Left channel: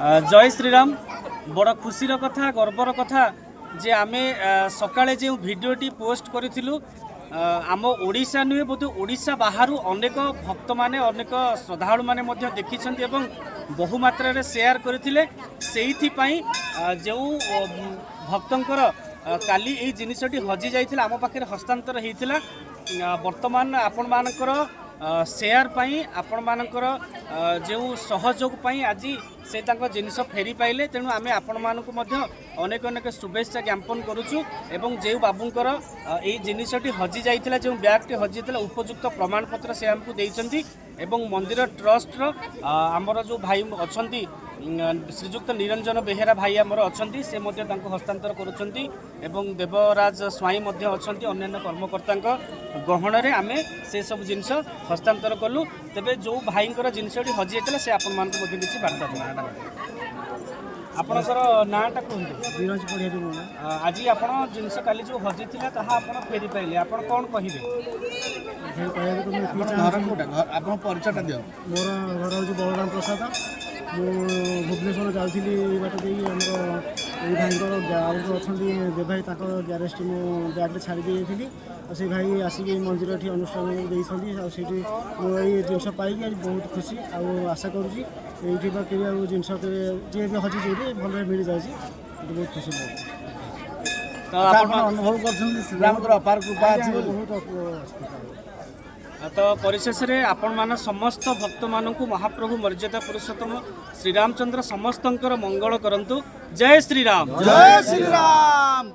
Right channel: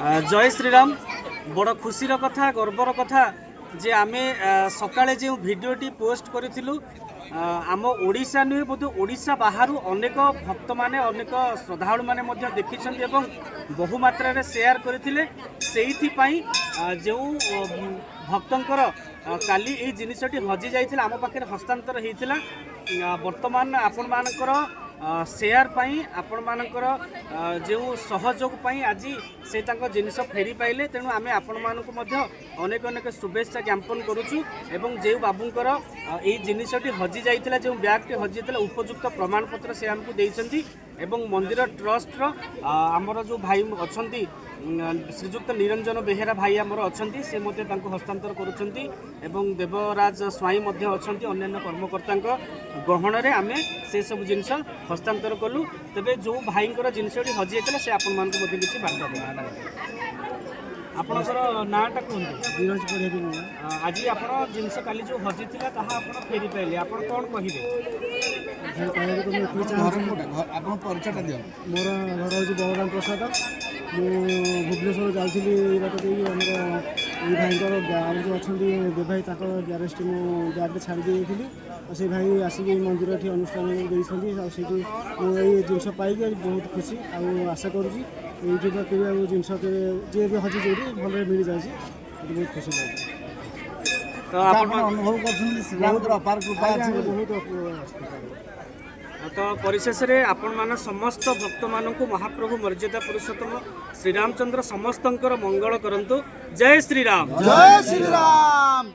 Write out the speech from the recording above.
जय श्रीराम। बड़ खुशीर कथा गर्वर कथा जे आमे सकाळे जो भिडियोटी पोस्ट करूँ आम ओडिशा नुहे बोध ओडिशा बाहर अनेक भक्त माने अनेक श्रद्धालु माने देखी बहु मात्रा रे शेयर करते जो भक्तंकर काली यही जिनसटी हजि जाइथिला आम पाखे हस्तांतर होता वर्तमान आपण मानकर शेयर पाई आपण मानकर जो सहयोग पाई आज से जिनस फेरी पाइले तेणु आमे आपण मानकु मध्य अनेक अनेक शुभेच्छा ज्ञापन करुचु एवं जो बाबूंकर यही जिनसटी हजि जाइथिला जो बैगटी हजि जाइथिला उपयुक्त प्रमाणपत्र से आमको देइचंती एवं मंदिर ट्रस्ट आमर जो भाई अछंती श्रीजुक्त निरंजन बेहेरा भाई आमर अछंती से मध्य तांको हस्तांतर करुचंती एवं देवराज स्वाई मध्य अछंती अन्य कर्मकर्ता गहन रे आमे से सब जिनस हस्तांतर कलु तेबे जो भाईंकर जिनसटी हजि जाइथिला से आपण मानकु मध्य किछि बार्ता देना आपणकर नाटा कहते धीरज पढ़िया आज आप जिनस काली जो हजि था फेरी पाइले आप कौन कहे परिचयटा दियो मोर घर हूँ बलराम प्रसाद मु भुवनेश्वर जाइली बाट दे भाई जो अच्छा दे भाई ग्यारेज टी ब्याग छाड़ी थी से भाई आसिक मंदिर ये अनुष्ठान से जिनस पाई बहुत खुशी आशा करुँची ये जिनस जी भी हजि जो भल मिल जाए बहुत खुशी लगे अनुभव कर अपार कृपा बहुत तो परिशेष रे आपण मान समस्त भक्त मानक महाप्रभु मर्यादा पुरुषोत्तम श्रीरामचंद्र समस्तंकर मंगल करंतु। जय श्रीराम। जय श्रीराम।